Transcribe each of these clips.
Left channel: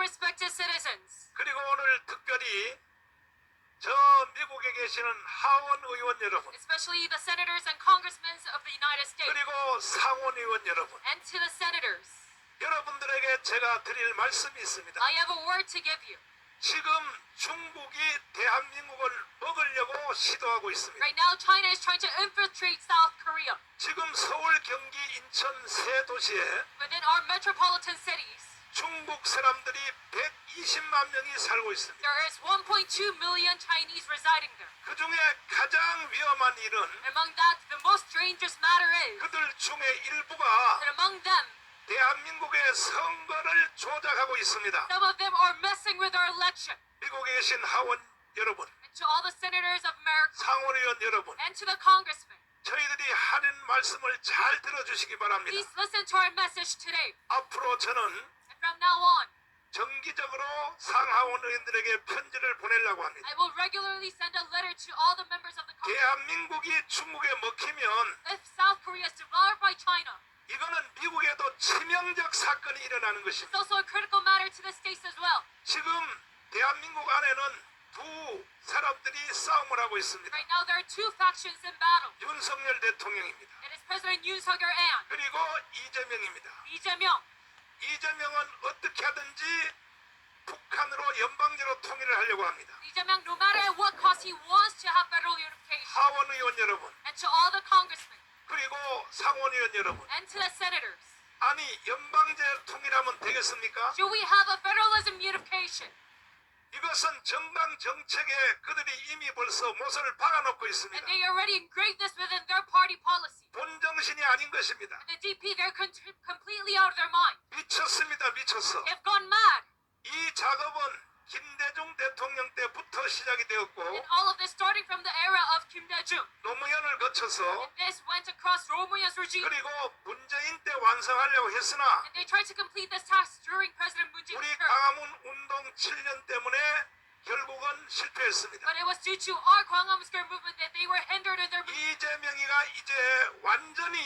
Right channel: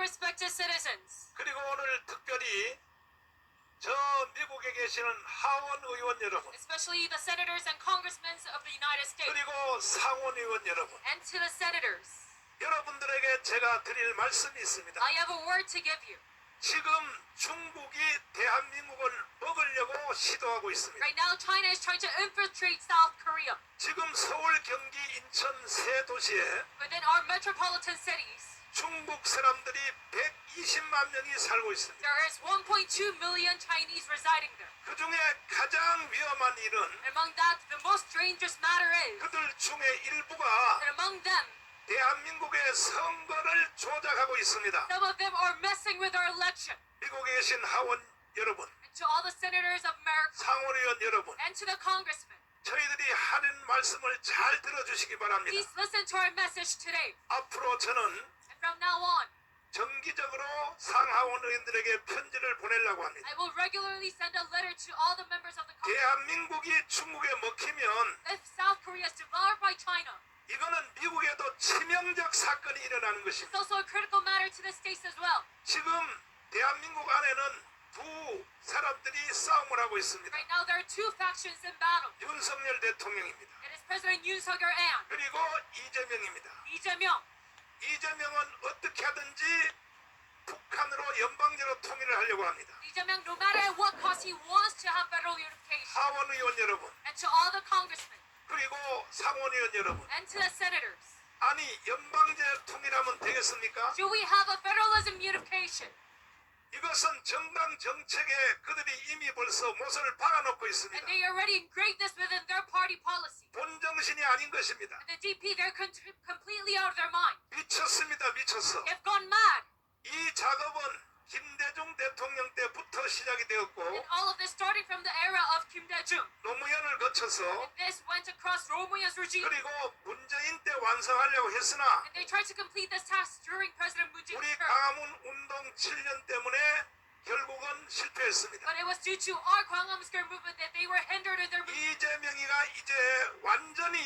respected citizens, 그리고 오늘 특별히 저 미국에 계시는 하원 의원 여러분, especially the senators and congressmen of the United States, 그리고 상원 의원 여러분, and to the senators, 여러분들에게 제가 드릴 말씀이 있습니다. I have a word to give you. 지금 중국이 대한민국을 먹으려고 시도하고 있습니다. Right now, China is trying to infiltrate South Korea. 지금 서울, 경기, 인천 세 도시에 Within our metropolitan cities, 중국 사람들이 120만 명이 살고 있습니다. there is 1.2 million Chinese residing there. 그 중에 가장 위험한 일은 among that, the most dangerous matter is 그들 중에 일부가 that among them, 대한민국의 선거를 조작하고 있습니다. some of them are messing with our election. 미국에 계신 하원 여러분, And to all the senators of America 상원의원 여러분, and to the congressmen, 저희들이 하는 말씀을 잘 들어주시기 바랍니다. please listen to our message today. 앞으로 저는 from now on, 정기적으로 상하원 의원들에게 편지를 보내려고 합니다. I will regularly send a letter to all the members of the Congress. 대한민국이 중국에 먹히면 If South Korea is devoured by China, 이거는 미국에도 치명적 사건이 일어나는 it's 것입니다. also a critical matter to the states as well. 지금 대한민국 안에는 두 사람들이 싸움을 하고 있습니다. Right now, there are two factions in battle. 윤석열 대통령입니다. It is President Yoon Suk Yeol and 그리고 이재명입니다. Jae-myung. 이재명은 어떻게 하든지 북한으로 연방제로 통일을 하려고 합니다. Jae-myung, no matter at what cost, he wants to have federal unification. 하원 의원 여러분, And to all the congressmen 그리고 상원 의원 여러분, and to the senators, 아니 연방제 통일하면 되겠습니까? should we have a federalism unification? 이것은 정당 정책에 그들이 이미 벌써 못을 박아놓고 있습니다. And they already engraved this within their party policy. 본정신이 아닌 것입니다. And the DP, they're con- completely out of their mind. 미쳤습니다, 미쳤어. They've gone mad. 이 작업은 김대중 대통령 때부터 시작이 And 되었고 all of this starting from the era of Kim Dae-jung. 노무현을 거쳐서 And this went across Romuald's regime. 그리고 문재인 때 완성하려고 했으나 And they tried to complete this task during President Moon 우리 Jae-in's term. 강화문 운동 7년 때문에 결국은 실패했습니다. But it was due to our Gwangham Square movement that they were hindered in their movement. 이재명이가 이제 완전히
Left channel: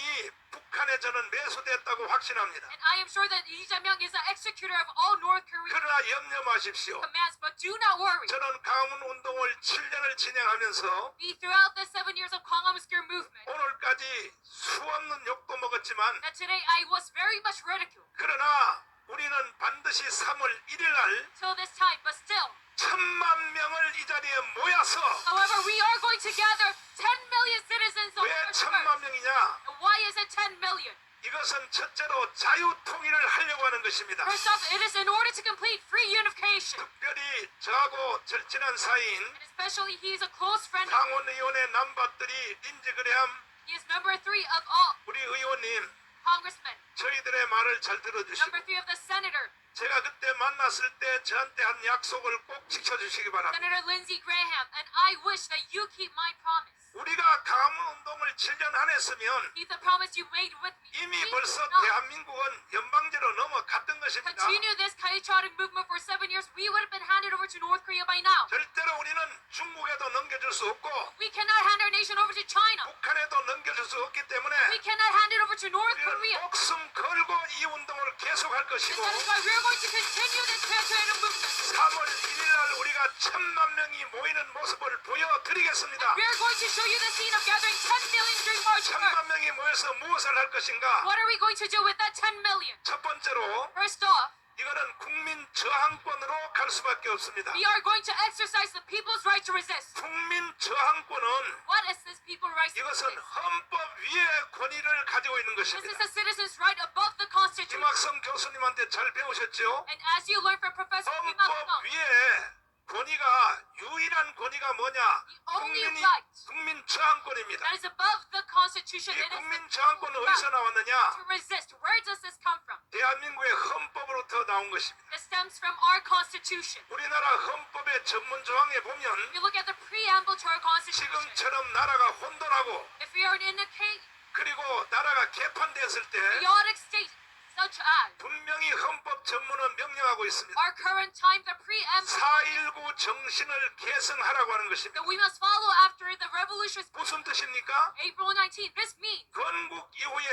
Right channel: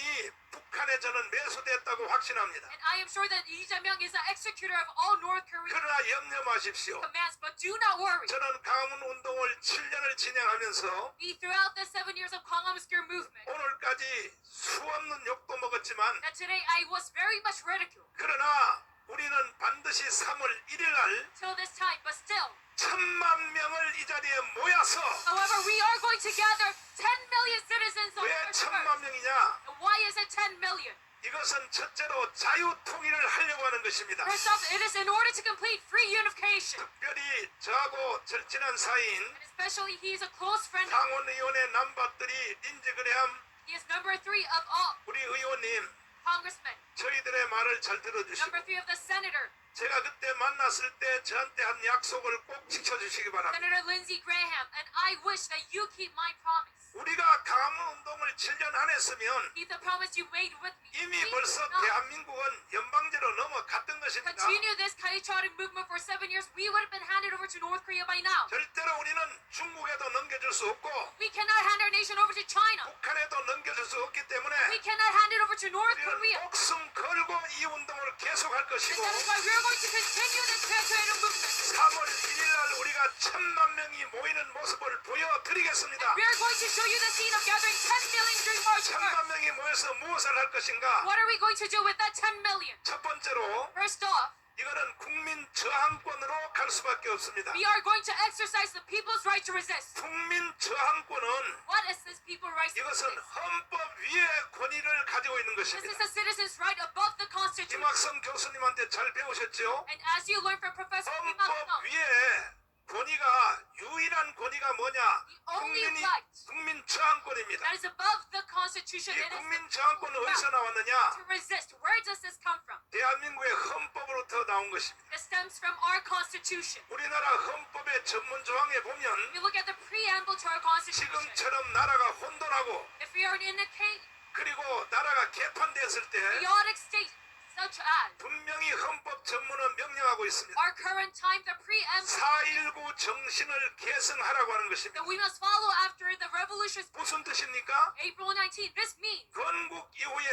북한에 저는 매수됐다고 확신합니다. And I am sure that Lee Jae-myung is the executor of all North Korean 그러나 염려 마십시오. commands. But do not worry. 저는 강화문 운동을 7년을 진행하면서 Me, throughout the seven years of Gwangham Square movement, 오늘까지 수없는 욕도 먹었지만 that today I was very much ridiculed 그러나 우리는 반드시 3월 1일 날 till this time. But still, 천만 명을 이 자리에 모여서 however, we are going to gather 10 million citizens on 왜 March 천만 1st. 명이냐? And why is it 10 million? 이것은 첫째로 자유 통일을 하려고 하는 것입니다. First off, it is in order to complete free unification. 특별히 저하고 절친한 사이인 And especially, he is a close friend. 상원의원의 남밭들이 린지 그레함 He is number three of all 우리 의원님 congressmen. 저희들의 말을 잘 들어주시고 Number three of the senator, 제가 그때 만났을 때 저한테 한 약속을 꼭 지켜주시기 바랍니다. Senator Lindsey Graham. And I wish that you keep my promise. 우리가 강화 운동을 7년 안 했으면 Keep the promise you made with me. 이미 벌써 대한민국은 연방제로 넘어갔던 것입니다. Continue this patriotic movement for seven years. We would have been handed over to North Korea by now. 절대로 우리는 중국에도 넘겨줄 수 없고 We cannot hand our nation over to China. 북한에도 넘겨줄 수 없기 때문에 We cannot hand it over to North 우리는 Korea. 목숨 걸고 이 운동을 계속할 것이고 That is why we're going to continue this patriotic movement. 3월 1일 날 우리가 천만 명이 모이는 모습을 보여드리겠습니다. We're going to show you the scene of gathering 10 million during March 1st. 천만 명이 모여서 무엇을 할 것인가? What are we going to do with that 10 million? 첫 번째로 First off, 이거는 국민 저항권으로 갈 수밖에 없습니다. we are going to exercise the people's right to resist. 국민 저항권은 What is this people's right to 이것은 resist? 헌법 위에 권위를 가지고 있는 This is 것입니다. the citizens' right above the Constitution. 김학성 교수님한테 잘 배우셨죠? And as you learn from Professor Kim 헌법 Il-sung, 위에 권위가 유일한 권위가 뭐냐? only 국민이 right. 국민 저항권입니다. that is above the Constitution, 이 is 국민 저항권은 어디서 나왔느냐? to resist. Where does this come from? 대한민국의 헌법으로부터 나온 것입니다. It stems from our Constitution. 우리나라 헌법의 전문 조항에 보면 If you look at the preamble to our Constitution, 지금처럼 나라가 혼돈하고 if we are in a chaotic, 그리고 나라가 개판되었을 때 chaotic state, such as 분명히 헌법 전문은 명령하고 있습니다. our current time, the preamble 4.19 정신을 계승하라고 하는 것입니다. that we must follow after the revolution 무슨 뜻입니까? April 19. This means 건국 이후에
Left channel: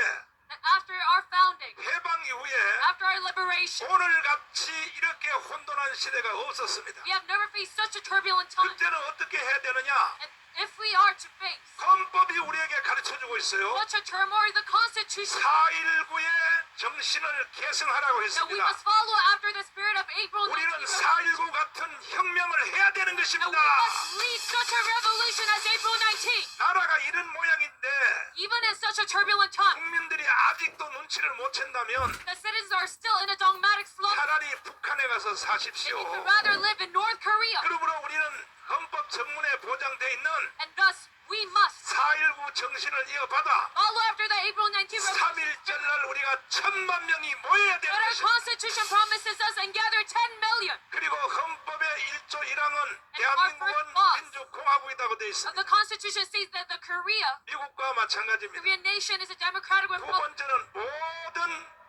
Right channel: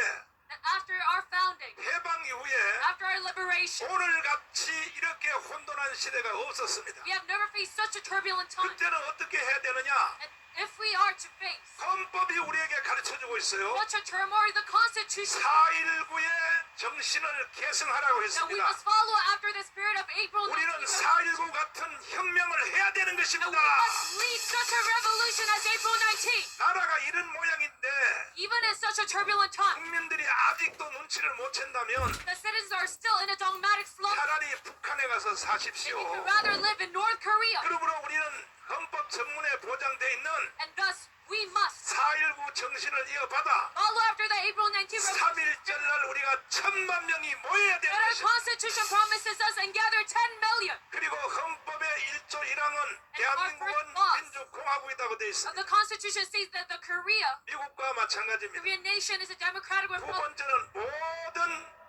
that after our founding, 해방 이후에 after our liberation, 오늘 같이 이렇게 혼돈한 시대가 없었습니다. we have never faced such a turbulent time. 그때는 어떻게 해야 되느냐? And if we are to face 헌법이 우리에게 가르쳐주고 있어요. such a turmoil, the Constitution 4.19의 정신을 계승하라고 that we 했습니다. must follow after the spirit of April 19 우리는 revolution, 4.19 같은 혁명을 해야 되는 we 것입니다. must lead such a revolution as April 19. 나라가 이런 모양인데 Even in such a turbulent time, 국민들이 아직도 눈치를 못 챈다면 the citizens are still in a dogmatic slope. 차라리 북한에 가서 They 사십시오. would rather live in North Korea. 그러므로 우리는 헌법 정문에 보장돼 있는 And thus, we must 4.19 정신을 이어받아 follow after the April 19 revolution. 3.1절 날 우리가 천만 명이 모여야 That 되는 our 것입니다. Constitution promises us and gather 10 million 그리고 헌법의 1조 1항은 our 대한민국은 민주공화국이라고 되어 of 있습니다. the Constitution states that the Korea, 미국과 마찬가지입니다. Korean nation is a democratic 두 republic, 번째는 모든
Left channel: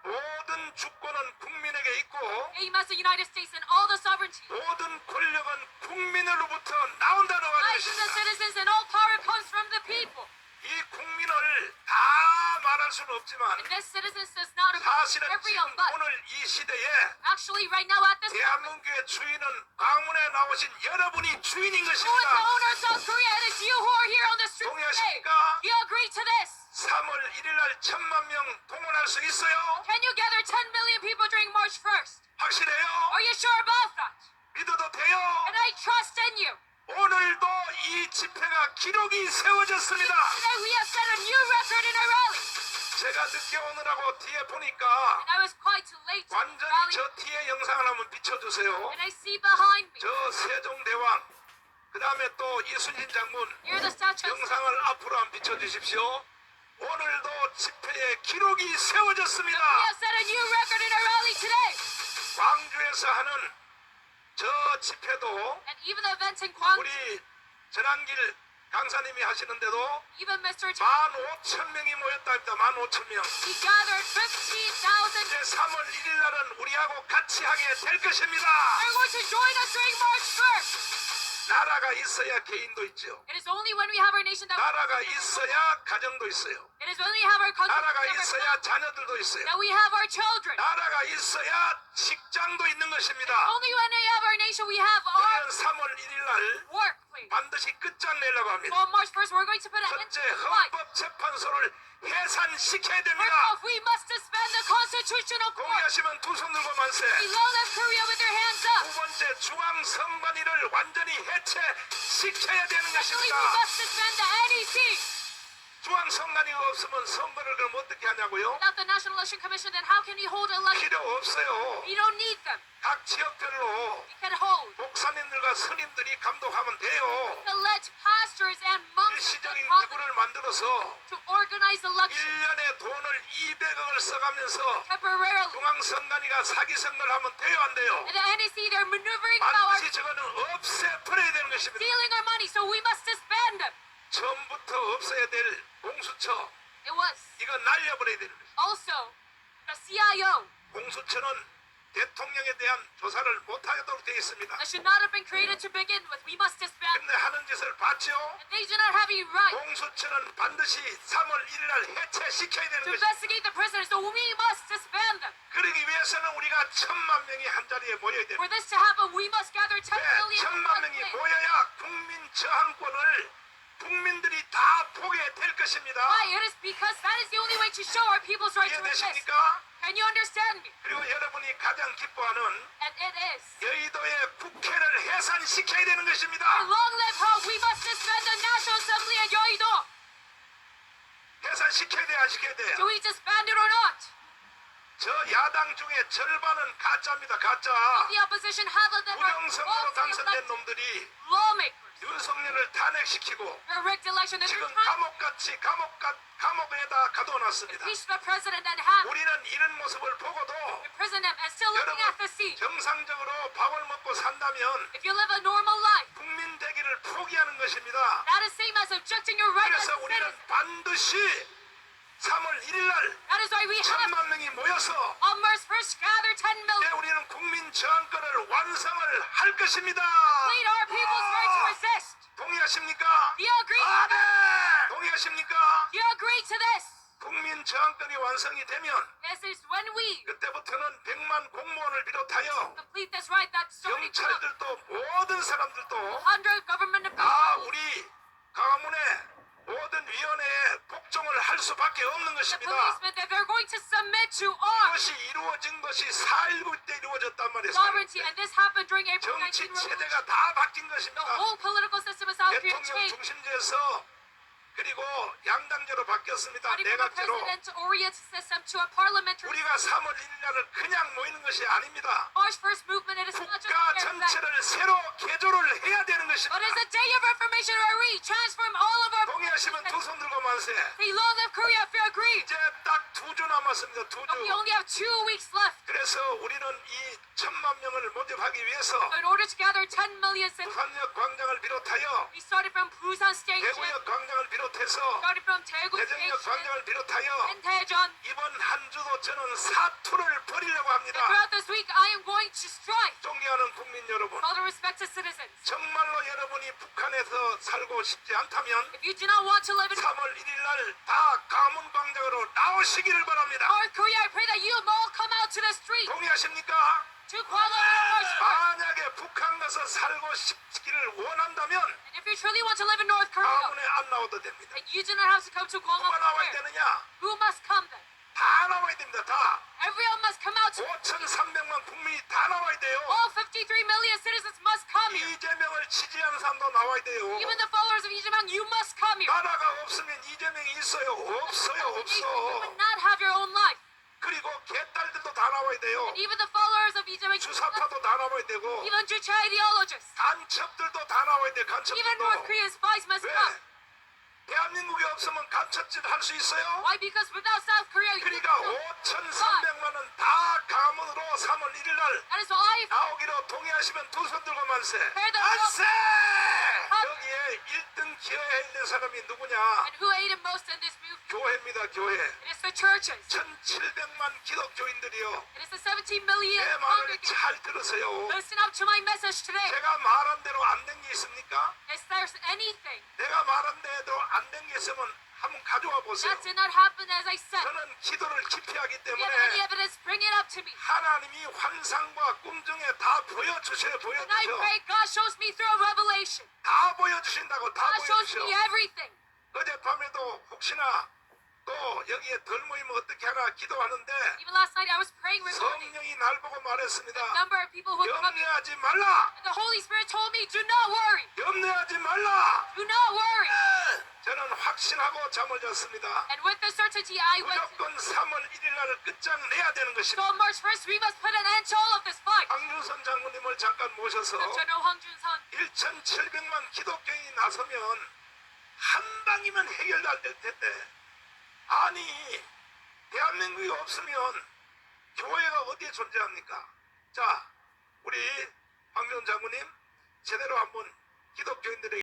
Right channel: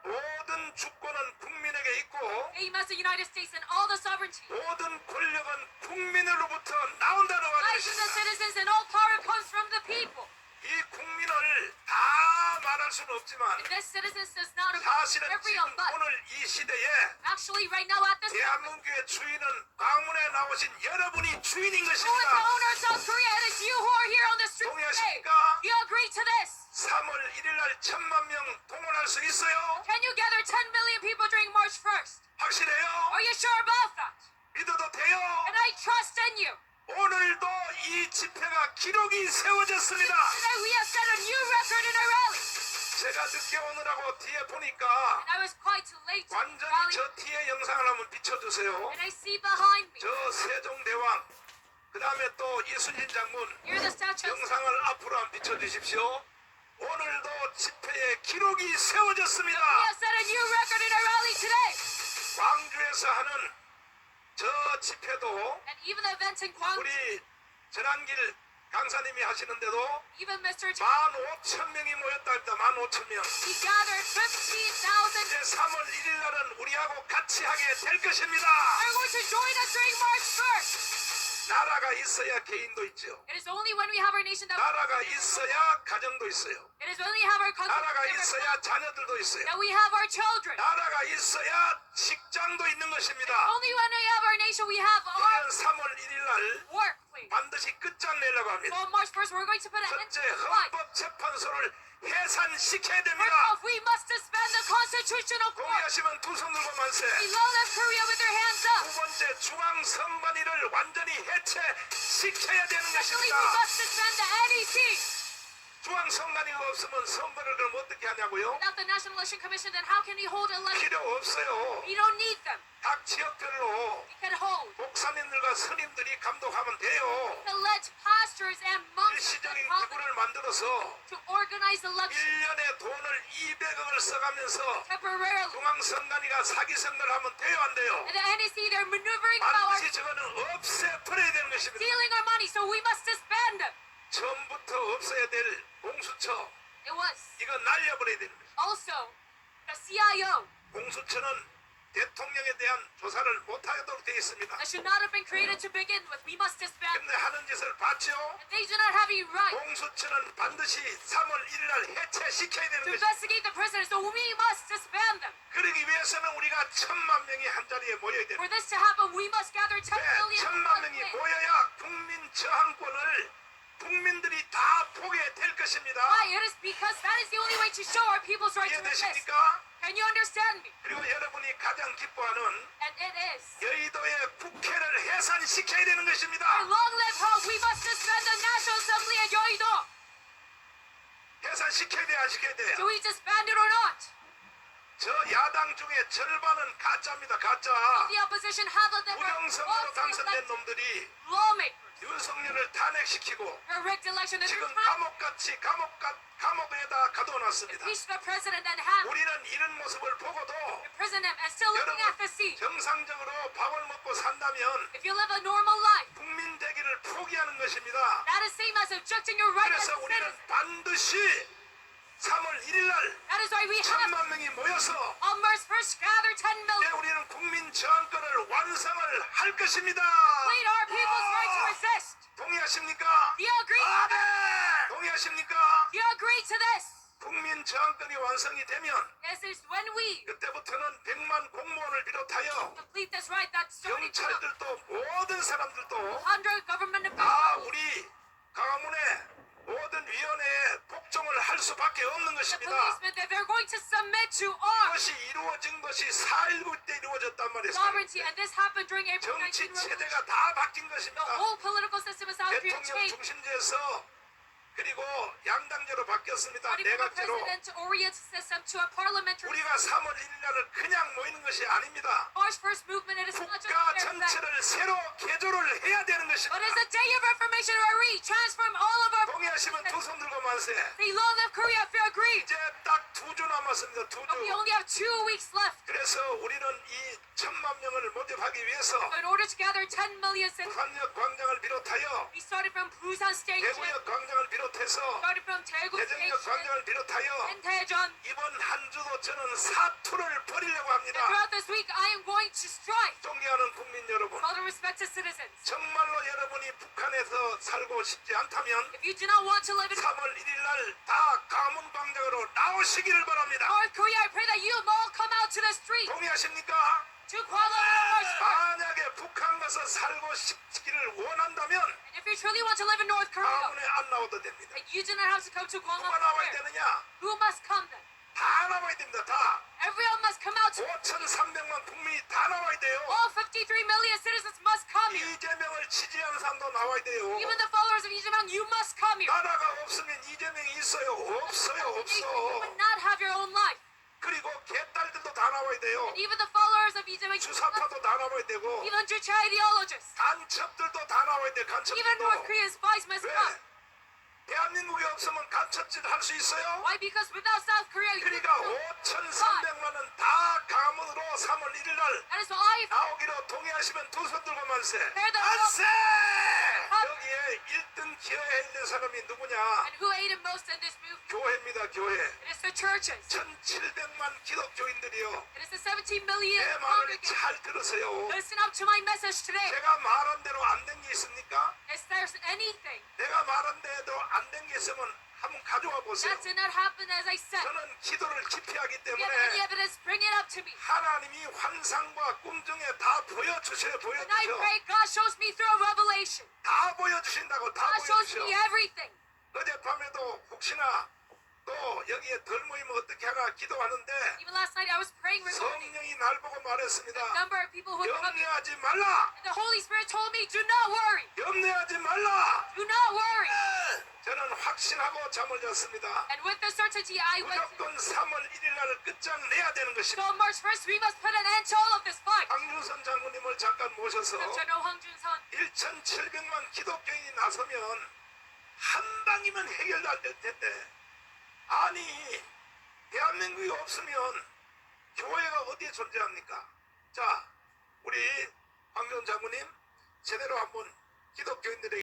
모든 주권은 국민에게 있고 same as the United States and all the sovereignty. 모든 권력은 국민으로부터 나온다는 Life from the 말이십니다. citizens and all power comes from the people. 이 국민을 다 말할 수는 없지만 And this citizens does not include 사실은 every 지금. 오늘 이 시대에 Actually, right now at this moment, 대한민국의 주인은 강문에 나오신 여러분이 주인인 who is the 것입니다. owner of South Korea? And it's you who are here on the street today. 동의하십니까? Do you agree to this? 3월 1일 날 천만 명 동원할 수 있어요? Can you gather 10 million people during March 1st? 확실해요? Are you sure about that? 믿어도 돼요? And I trust in you. 오늘도 이 집회가 기록이 세워졌습니다. Today we have set a new record in our rally. 제가 늦게 오느라고 뒤에 보니까 And I was quite late to the 완전히 rally. 저 뒤에 영상을 한번 비춰주세요. And I see behind me, 저 세종대왕, 그 다음에 또 이순신 장군 near the statue, 영상을 앞으로 한번 비춰주십시오. 오늘도 집회에 기록이 we 세워졌습니다. have set a new record in our rally today. 광주에서 하는 저 집회도 And even the events in Gwangju, 우리 전한길 강사님이 하시는데도 even Mr. Ch- 만 오천 명이 모였답니다. 만 오천 명. he gathered 15,000. 이제 3월 1일 날은 우리하고 같이 하게 될 것입니다. They're going to join us during March 1st. 나라가 있어야 개인도 있죠. It is only when we have our nation that 나라가 있어야 가정도 있어요. it is when we have our country 나라가 that 있어야 자녀들도 있어요. we have our children. 나라가 있어야 직장도 것입니다. Only when we have our nation we have our 우리는 3월 1일 날 workplace. 반드시 끝장 내려고 So 합니다. on March 1st we're going to put an end to 첫째, strife. 헌법재판소를 해산시켜야 First 됩니다. off, we must suspend the constitutional court. 동의하시면 두 손 들고 만세. We love us Korea with their hands up. 두 번째, 중앙 선관위를 완전히 해체시켜야 되는 Secondly, we 것입니다. must suspend the NEC. 중앙선관위가 없으면 선거를 그럼 어떻게 하냐고요? Without the National Election Commission, then how can we hold elections? 필요 없어요. We don't need them. 각 지역별로 We can hold. 목사님들과 스님들이 감독하면 돼요. To let pastors and monks 일시적인 and prophets 기구를 만들어서 to organize elections 1년에 돈을 200억을 써가면서 temporarily. 중앙선관위가 사기 선거를 하면 돼요 안 돼요? And the NEC, they're maneuvering power, 반드시 저거는 없애버려야 되는 것입니다. stealing our money, so we must suspend them. 처음부터 없어야 될 공수처 It was 이거 날려버려야 되는 거예요. also the CIO 공수처는 대통령에 대한 조사를 못하도록 되어 있습니다. that should not have been created to begin with. We must suspend. 근데 하는 짓을 봤죠? And they do not have a right 공수처는 반드시 3월 1일 날 해체시켜야 되는 to 것입니다. investigate the prisoners, so we must suspend them. 그러기 위해서는 우리가 천만 명이 한 자리에 모여야 For 됩니다. this to happen, we must gather 10왜 million in 천만 one 명이 place. 모여야 국민 저항권을 국민들이 다 보게 될 것입니다. Why? It is because that is the only way to show our people's right to exist. 이해되십니까? Can you understand me? 그리고 여러분이 가장 기뻐하는 And it is. 여의도의 국회를 해산시켜야 되는 것입니다. Long live hope. We must suspend the National Assembly at Yoido. 해산시켜야 돼, 안 시켜야 돼? Do we disband it or not? 저 야당 중에 절반은 가짜입니다, 가짜. The opposition, half of them are 부정선거로 falsely 당선된 놈들이 lawmakers. 윤석열을 탄핵시키고 지금 감옥같이 감옥가, 감옥에다 가둬놨습니다. 우리는 이런 모습을 보고도 여러분. 정상적으로 밥을 먹고 산다면 국민 되기를 포기하는 것입니다. 그래서 우리는. 반드시 3월 1일 날 That is why we have 천만 명이 모여서 on March 1st gather 10 이제 million. 우리는 국민 저항권을 완성을 할 것입니다. Lead our people's right to resist. 동의하십니까? Do you agree? 아멘. 동의하십니까? Do you agree to this? 국민 저항권이 완성이 되면 This is when we 그때부터는 100만 공무원을 비롯하여 complete this right that starting from 경찰들도 모든 사람들도 100 government 다 officials. 우리 강화문의 모든 위원회에 복종을 할 수밖에 없는 The 것입니다. policemen that they're going to submit to our 그것이 이루어진 것이 4.19 때 이루어졌단 말이에요. sovereignty, and this happened during April 정치 19 revolution. 체제가 다 바뀐 The 것입니다. whole political system of South Korea 대통령 changed. 중심제에서 그리고 양당제로 바뀌었습니다. 내각제로 우리가 3월 1일 날을 그냥 모이는 것이 아닙니다. 국가 전체를 새로 개조를 해야 되는 것입니다. 동의하시면 두 손 들고 만세. Agree. 이제 딱 두 주 남았습니다. 두 주. only have two weeks left. 그래서 우리는 이 천만 명을 모집하기 위해서 In order to gather 10 million citizens, 부산역 광장을 비롯하여 대구역 광장을 비롯해 서 started from Daegu 대전역 광장을 비롯하여. 이번 한 주도 저는 사투를 벌이려고 합니다. throughout this week, I am going to strike 존경하는 국민 여러분. 정말로 여러분이 북한에서 살고 싶지 않다면 If you do not want to live in 3월 1일 날 다 가문 광장으로 나오시기를 바랍니다. North Korea, I pray that you all come out to the street 동의하십니까? 북한 가서 살고 싶기를 원한다면 And if you truly want to live in North Korea, 가문에 안 나와도 됩니다. then you do not have to come to Kuala 누가 나와야 Lumpur. 되느냐? Who must come then? 다 나와야 됩니다. 다. Everyone must come out. To, 5,300만 국민이 다 나와야 돼요. all 53 million citizens must come here. 이재명을 지지하는 사람도 나와야 돼요. Even the followers of Lee Jae-myung, you must come here. 나라가 없으면 이재명이 있어요. 없어요. You 없어. would not have your own 다 나와야 돼요. And even the followers of Jae-myung, 주사파도 다 나와야 되고 even Juche ideologists, 간첩들도 다 나와야 돼. even North 간첩들도. Korea's spies must 왜? come. 대한민국이 없으면 간첩짓 할수 있어요? Why? Because without South Korea, you 그러니까 cannot. 5,300만은 다 가문으로 3월 1일 날 That is why 나오기로 동의하시면 두 손 들고 만세. 만세! 여기에 1등 기여해 있는 사람이 누구냐? and who aided most in this movement? 교회입니다, 교회. It the churches. 1,700만 기독교인들이요. It is the 17 million 내 말을. 잘 들으세요. Listen up to my message today. 제가 말한 대로 안 된 게 있습니까? Is there anything 내가 말한 대로 안 된 게 있으면 한번 가져와 보세요. that did not happen as I said? 저는 기도를 깊이 하기 If you have any 때문에 evidence, bring it up to me. 하나님이 환상과 꿈 중에 다 보여주세요, And I 보여주세요. pray God shows me through a revelation. 다 보여주신다고 다 God shows 보여주셔. me everything. 어젯밤에도 혹시나 또 여기에 덜 모이면 어떻게 하나 기도하는데 Even last night I was praying regarding 성령이 날 보고 말했습니다. number of people who come here. 염려하지 말라. The Holy Spirit told me, do not worry. 염려하지 말라. Do not worry. 저는 확신하고 잠을 잤습니다. And with the certainty I went to. 무조건 3월 1일 날을 끝장내야 되는 So 것입니다. on March 1st, we must put an end to all of this fight. 강준선 장군님을 잠깐 모셔서 General Hong Jun-sun, 1,700만 기독교인이 나서면 한 방이면 해결될 텐데 아니 대한민국이 없으면 교회가 어디에 존재합니까? 자 우리 황교안 장군님 제대로 한번 기독교인들에게